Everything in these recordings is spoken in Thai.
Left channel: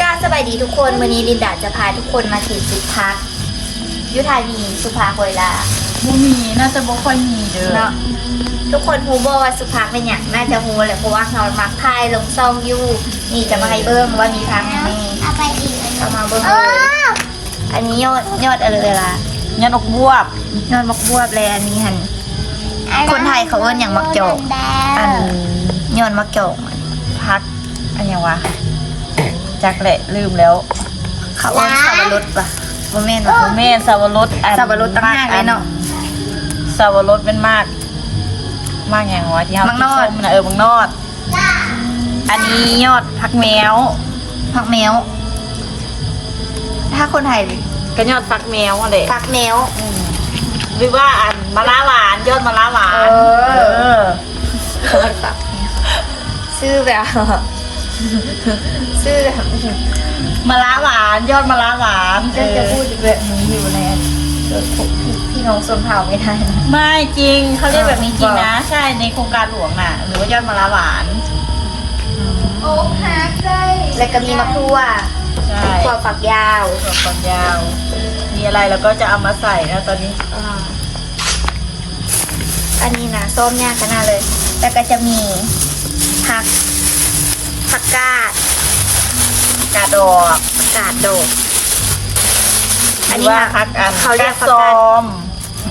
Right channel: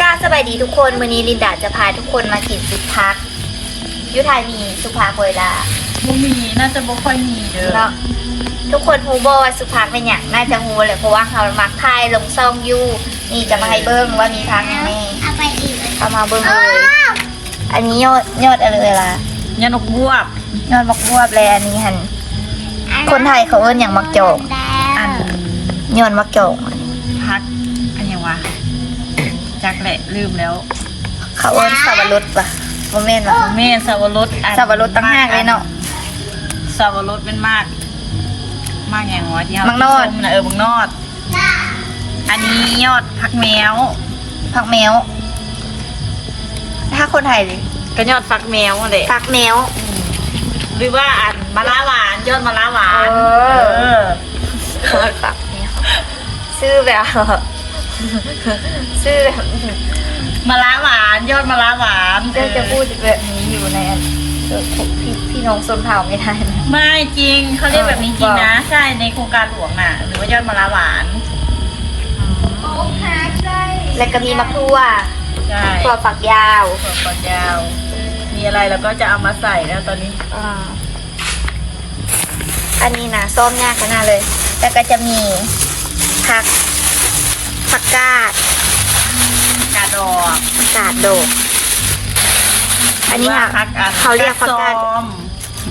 กล้าสบายดีทุกคนวันนี้ลินดาจะพาทุกคนมากินสุพักยุทธานีสุภาโคยลาบูมีน่าจะบ่ค่อยมีเด้อเนาะทุกคนฮูบอว่าสุพักเป็นอย่างน่าจะฮูแหละเพราะว่าเขามักทายลงซองอยู่นี่จะมาให้เบิ้งว่ามีพักอย่างแน่เอาไปอีกเข้ามาเบิ้งเลยอันนี้ยอดยอดอะไรล่ะยันอกบวบยอดมักบวบแลอันนี้หันคนไทยเขาเอิ้นอย่างมักโจกอันยอดมักโจกพักอันยังวะ จักแหละลืมแล้วเขาเอิ้นสับปะรดปะโมเมนต์ปะแม่นสาวรสอันสับปะรดตั้งห้างเลยเนาะสาวรสเป็นมาก มากอย่างวะที่เฮามักนอดกินะเออมังนอด อันนี้ยอดพักแมวผักแมว ถ้าคนไทยก็ยอดฟักแมวอะไรผักแมวหรือว่าอันมะละหวานยอดมะละหวาน เออเออชื่อแบบ ชื่อแบบมะละหวาน ยอดมะละหวานจะจะพูดแบบนี้อยู่ในอันเดี๋ยวพวกพี่พี่น้องชนเผ่าไม่ได้นะไม่จริงเขาเรียกแบบนี้จริงเออนะ ใช่ในโครงการหลวงน่ะ หรือว่ายอดมะละหวานแล้วก็มีมะทั่วใช่ถั่วฝักยาวถั่วฝักยาว มีอะไรเราก็จะเอามาใส่นะตอนนี้อ่าอันนี้นะส้มยากขนาดเลย แล้วก็จะมีผัก ผักกาดกาดอกกาดโดด อันนี้หรืค่ะว่าพักอันเขาเรียกผักซกาดอม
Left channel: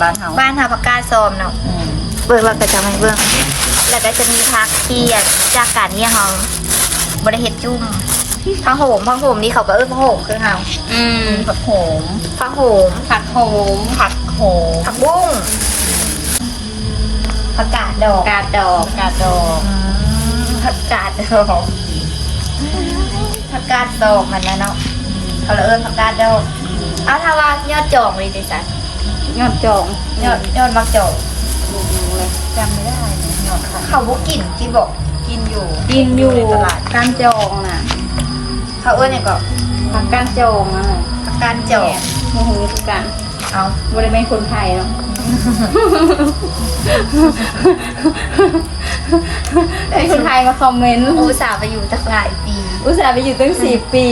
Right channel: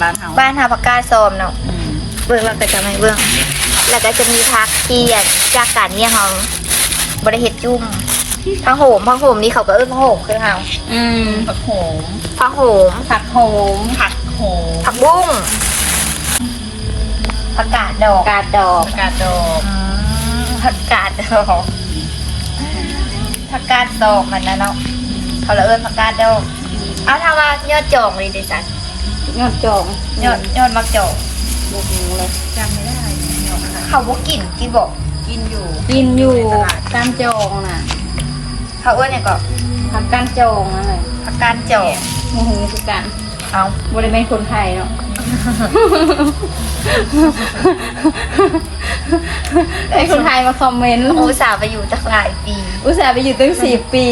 บ้านเฮาบ้านหาผักกาดส้มเนาะอืมเบื้องเราก็จะไม่เบื้อง แล้วก็จะมีพักที่จากการเนี่ยเขาบริเฮ็ดจุ่มพังโหมพังโหมนี่เขาก็เอิ้นพังโหมคือเขาอืมผักโหมพังโหมผักโหมผักโหมผักบุ้งผักกาดดอกกาดดอกกาดดอกอืมผักกาดดอกผั กาดดอกมันนะเนาะเขาเลยเอิ้นผักกาดดอกเอาถ้าว่ายอดจองเลยดิสันยอดจองยอดยอดมักจองจำไม่ได้นะยอดค่ะเขาบุกินกินบอกกินอยู่กินอยู่ตลาดการจองน่ะเขาเอิ้นเนี่ยก็ทำกการจองนั่นแหละผักกาดจองโมโหคือกันเอาบริเวณคนไทยเนาะ ไอ้คนไทยมาคอมเมนต์อุตส่าห์ไปอยู่ตั้งหลายปี อุตส่าห์ไปอยู่ตั้งสี่ปี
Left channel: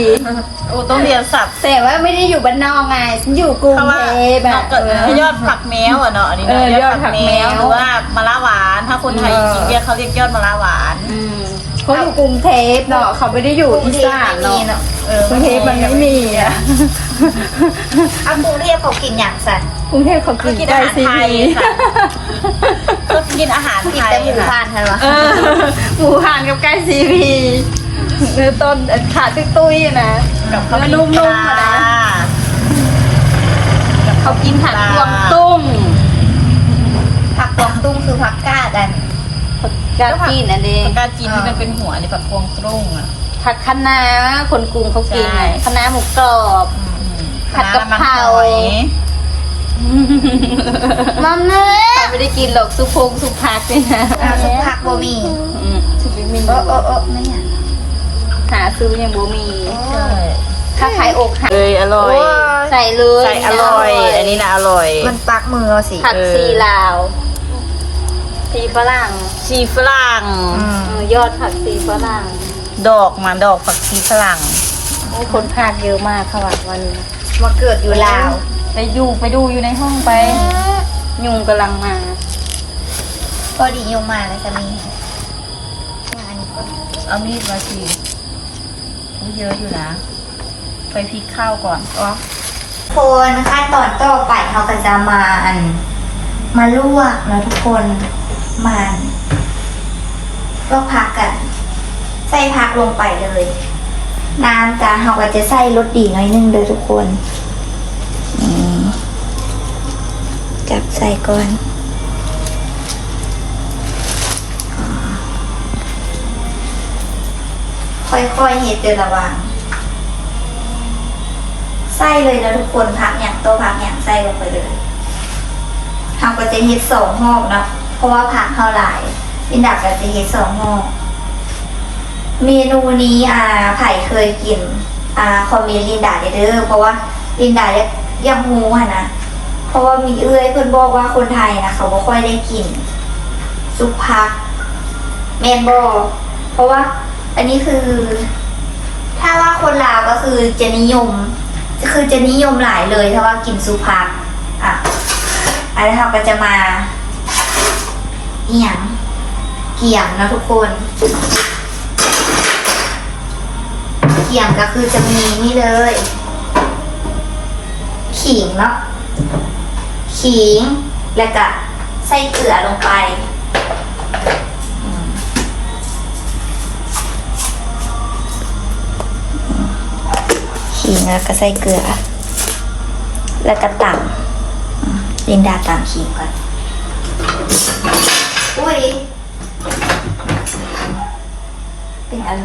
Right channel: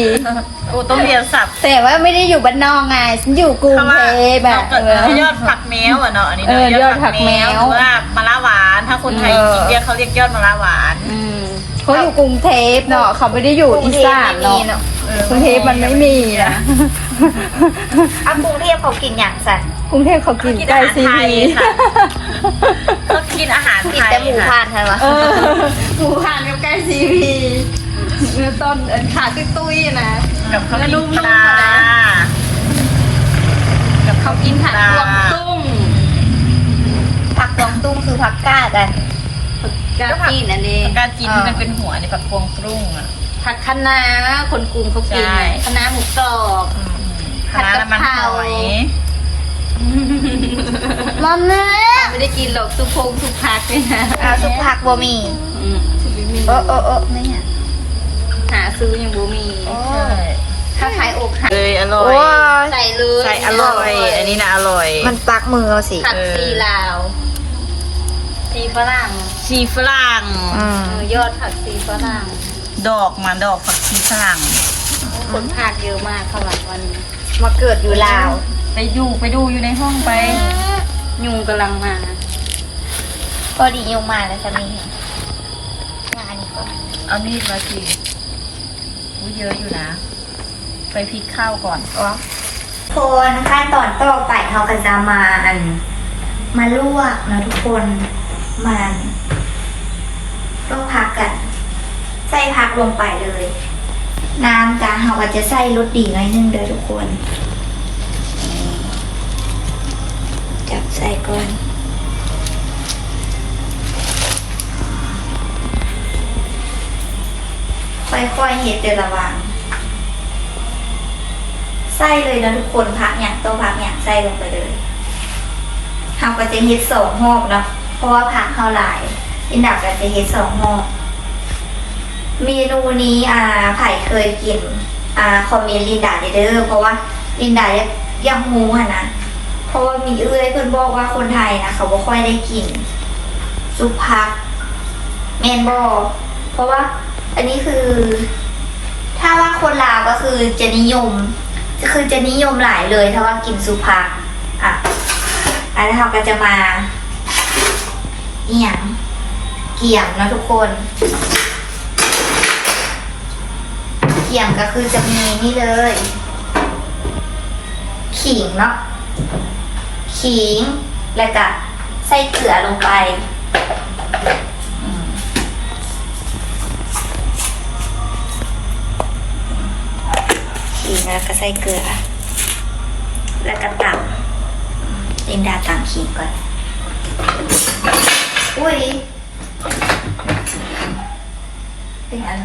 โอ้ต้องเรียนสับแต่ว่าไม่ได้อยู่บ้านนอกไงฉันอยู่กรุงเพราะว่าเทพนอะอกเกิดเออ ยอดผักแมวอะเนาะอันนี้เนาะเออยอดผักแมวยอดผักแมวหรือว่ามะละหวาน ถ้าคนไทยเออ จริงๆเรียกเขาเรียกยอดมะละหวานอืมเขาอยู่กรุงเทพเนาะเขาไม่ได้อยู่กรุงอีเทพสานไม่มีเนาะเนาะเออกรุงเทพมันไม่มีอะเอากรุงเทพเขากินอย่างสัน กรุงเทพเขากินกินไก่อาหารซีไทยพีค่ะ ก็กินอาหารกินไทยแต่หมูค่ะพานทันวะเออหมูหันกับไก่ซีพีเนื้อต้นเอ่อขาตุ้ยตุ้ยๆนะกับข้าวแล้วกินนุ่มปๆลานะกับข้าวกินปผักลากวางตุ้งผักกวางตุ้งคือผักกาดอันกาจีนอันนี้ผักกาดจีนที่มันเป็นหัวในผักพวงกรุ้งอะ ผักคะน้าคนกรุงเขากินใช่ คะน้าหมูกรอบคณะน้ำมันหอยมั มเนื้อไม่ได้กินหรอกซุปพงซุปผักเลยนะอาซุปผักบะหมี่อืมซุปไม่มีเออเออเออไม่เนี่ยหาซื้อยังบ่มีใช่ถ้าขายอกหักเลยอร่อย ใส่เลยใส่อร่อย อันนี้นะอร่อย มันปักมือเราสิผักเออซีลาวซีฝรั่งชีฝรั่งอืมเออยอดผักซีฝรั่งดอกมาดอกผักชีฝรั่งโอ้คนทานเยอะมากค่ะวันนี้มาเกิดอยู่ลาว ไปดูไปดูอยู่ในห้องไป ยุงกำลังมาก็ดียงมาแล้วสามีงานนี้ก็เอามีดมาสิอุ๊ยเยอะอยู่นะ ไปพริกข้าวก่อนอ๋อคนขั้นตอนต่อไปเขาก็จะมาอัน มาลวกนะทุกคนมันลวกผักกัน ใส่ผักลงไปเลย น้ำกาเขาก็จะใส่รสดีหน่อยนึงเด้อทุกคนอืมจับใส่ก่อนค่อยๆเห็ดเดระวังใส่เลยนะทุกคนผักอย่างตัวผักอย่างใส่ลงไปเลยเราก็จะเห็ดสองหอกนะเพราะว่าผักเขาหลายลินดาก็จะเห็ดสองหอกเมนูนี้อ่าไผ่เคยกินอ่าคอมเมนต์ลินดาได้เด้อเพราะว่าลินดายังยังฮูอะนะ เพราะว่ามีเอื้อยเพื่อนบอกว่าคนไทยนะเขาบ่ค่อยได้กินซุปผักแมนบอเพราะว่าอันนี้คือ ถ้าว่าคนลาวก็คือจะนิยมคือจะนิยมหลายเลย ถ้าว่ากินสุภักอะอันนี้เราก็จะมาเอี่ยงเกี่ยมนะทุกคนเกี่ยมก็คือจะมีนี่เลย ขิงเนาะ ขิง แล้วก็ใส่เกลือลงไปอืมขิงแล้วก็ใส่เกลือ แล้วก็ตำลินดาตำขิงก่อน อุ้ยเป็นอะไร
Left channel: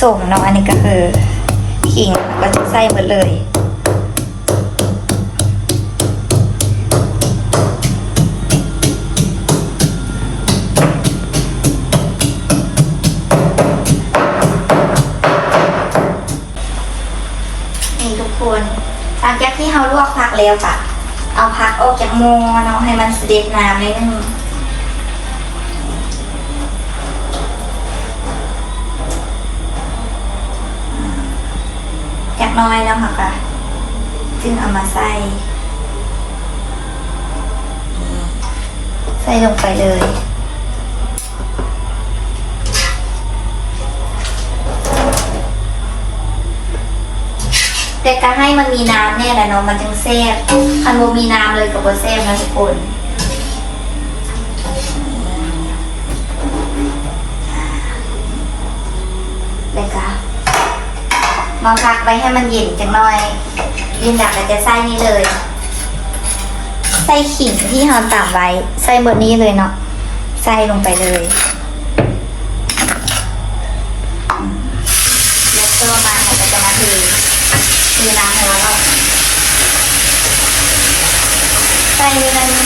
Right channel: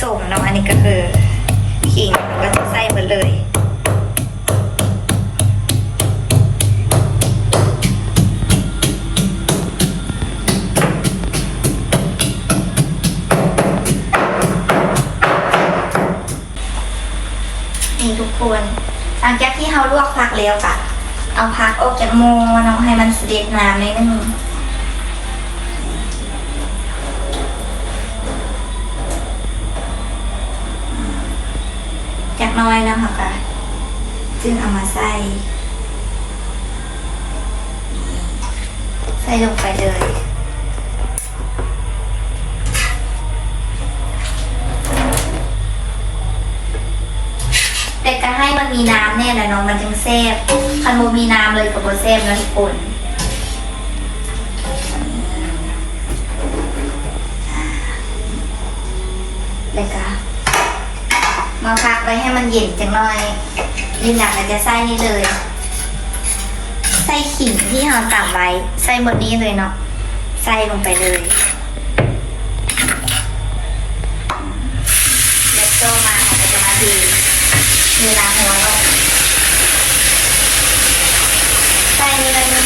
ส่วนผสมเนาะอันนี้ก็คือขิงก็ใส่ไปเลยนี่ทุกคนหลังจากที่เราลวกผักแล้วค่ะ เอาผักออกจากหม้อเนาะให้มันเสด็จน้ำนิดนึง น้อยนะคะค่ะจึงเอามาใส่ ใส่ลงไปเลยแต่การให้มันมีน้ำเนี่ยแหละเนาะมันจึงแซ่บถ้าโมมีน้ำเลยกับโบแซ่บนะทุกคนแล้วก็ มาพักไว้ให้มันเย็นจังหน่อยยินดักก็จะใส่นี่เลย ใส่ขิงที่เราตำไว้ ใส่หมดนี้เลยเนาะ ใส่ลงไปเลยอืมแล้วก็มาเราจะมาเทมีน้ำร้อนแล้วใส่อะไรนี่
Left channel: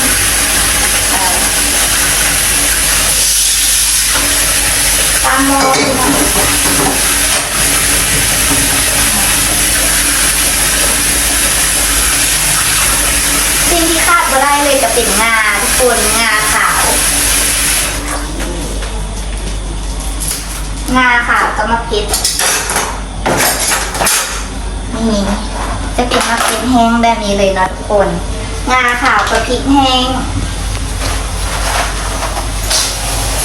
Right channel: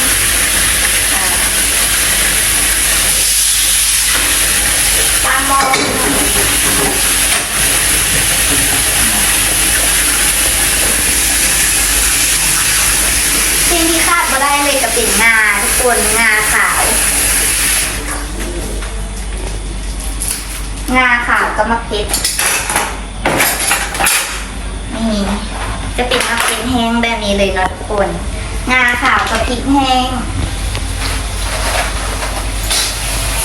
เอ่อตามโม สิ่งที่คาดม่ได้เลยจะเป็นงาทุกคนงาขาว งาขาวกับมะพริกนี่จะเป็นมะพริกแห้งแบบนี้เลยนะทุกคน งาขาวกับพริกแห้ง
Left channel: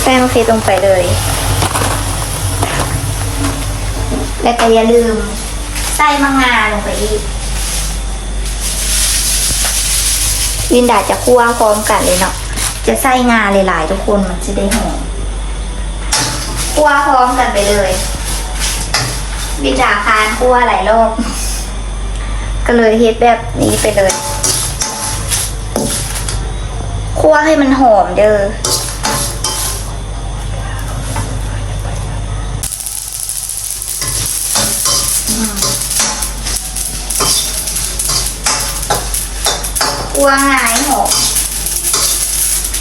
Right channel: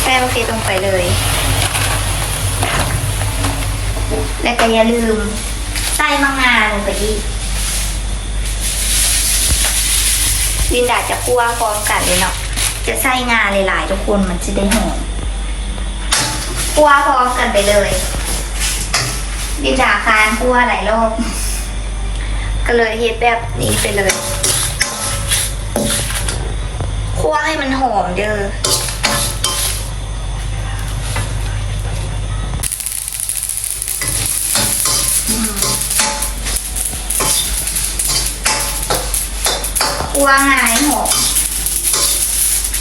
ใส่มะพริกลงไปเลย แล้วก็อย่าลืมใส่มังงาลงไปอีก วินดาจะคั่วพร้อมกันเลยเนาะจะใส่งาหลายๆทุกคนมันจะได้หอมคั่วพร้อมกันไปเลยวินดาคานคั่วหลายรอบ ก็เลยเฮ็ดแบบนี้ไปเลยคั่วให้มันหอมเด้อ วหายหอม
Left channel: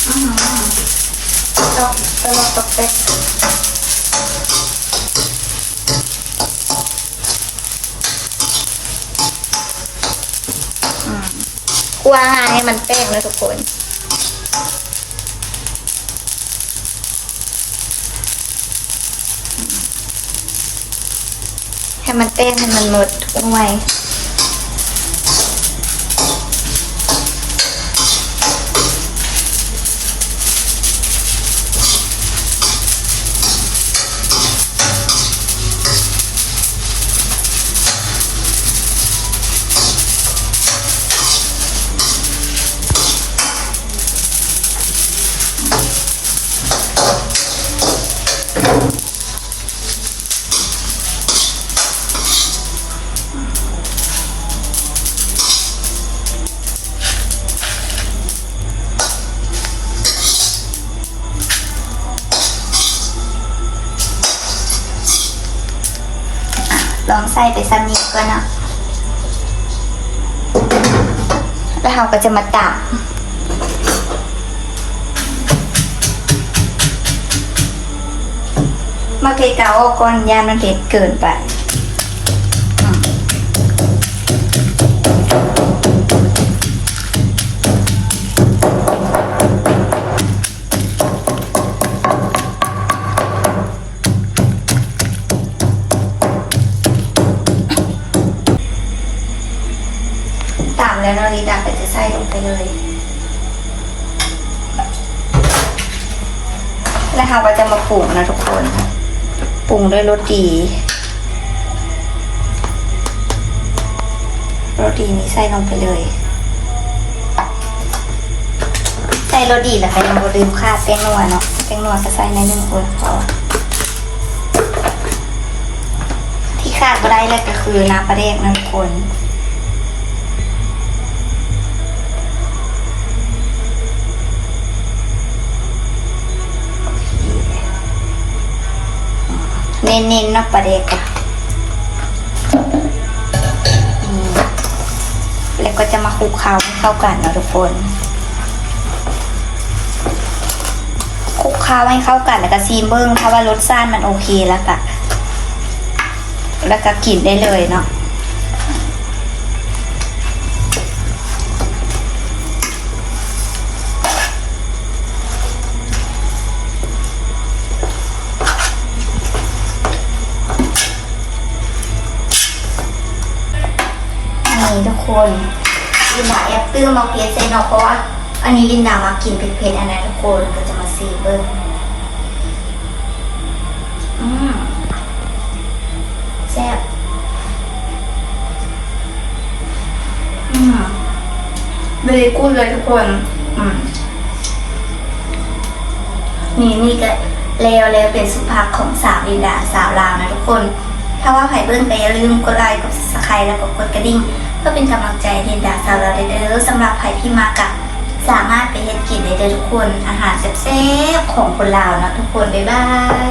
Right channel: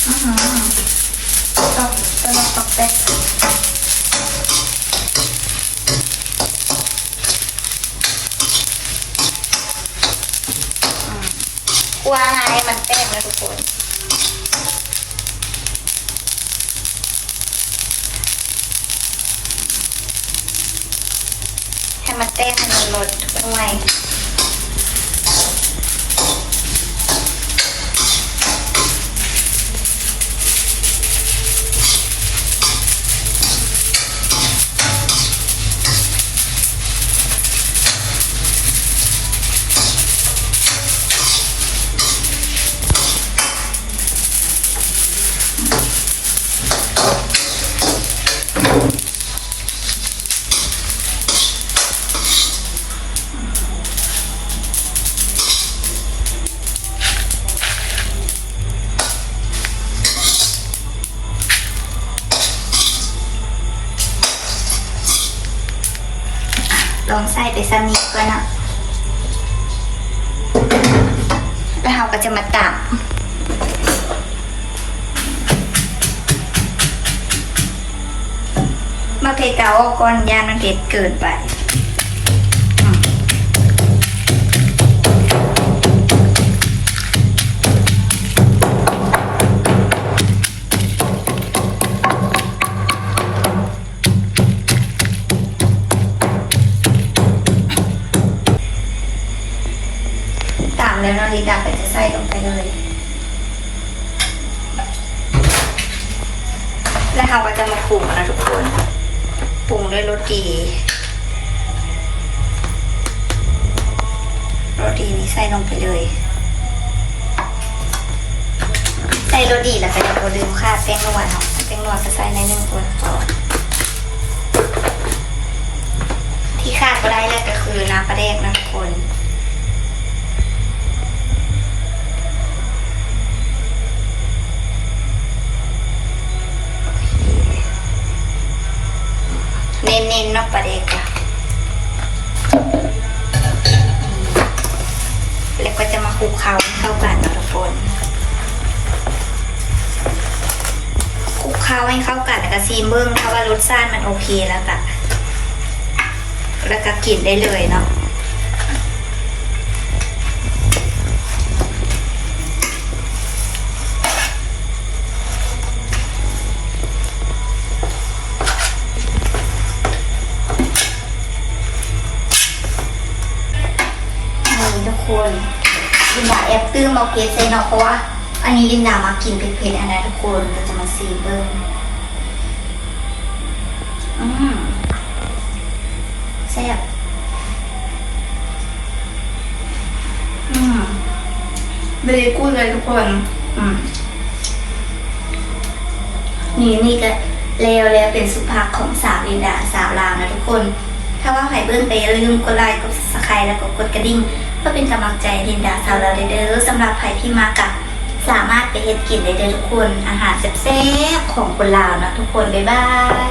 อือหือตอกตอกตอกแตกคั่วหายให้มันเป้งเลยทุกคนให้มันเต้นให้มันหมดทุกหน่ ไปสนิทก่อนเนาะแล้วเราก็จะมาตับมาเพกาออกก่อนยานมันเผ็ดเกินไป ลงไปเลยแล้วเราก็จะมาปรุงนะทุกคนปรุงด้วยรสดีรสดีนี้ใส่ลงไปเลย ใส่รสดีแล้วก็ยังบ่ลืมค่าแป้งนัวเนาะแป้งนัวก็ใส่ในหนึ่งตัวพอที่ขาดไม่ได้เลยก็คือน้ำปลาเด็กนะทุกคน เน้นๆนาะปลาเด็กอะอืมแล้วก็จะมาคลุกเคล้าให้เข้ากันนะทุกคนคลุกเคล้าให้เข้ากันแล้วก็ซีมเบิ้งถ้าว่ารสชาติมันโอเคแล้วก็แล้วก็กินได้เลยเนาะ คนยินดาแอบตื้อมาเพจใส่เนาะเพราะว่า อันนี้ยินดามากินเผ็ดๆอันไหนทุกคนก็จะมาซีเบิ้งอืมแซ่บอืมเบรกูเลยทุกคน อืมนี่นี่ก็แล้วแล้วเป็นสุภาพของสาวลินดาสาวลาวนะทุกคน ถ้าว่าใครเบิ้งก็อย่าลืมกดไลค์กดซับสไครต์แล้วก็กดกระดิ่ง พื่อเป็นกำลังใจดินดาสาวลาเดอร์สำหรับใครที่มากับ สามารถไปเฮ็ดกินได้เด้อทุกคน อาหารแซ่บๆของคนลาวเนาะทุกคน บ๊ายบาย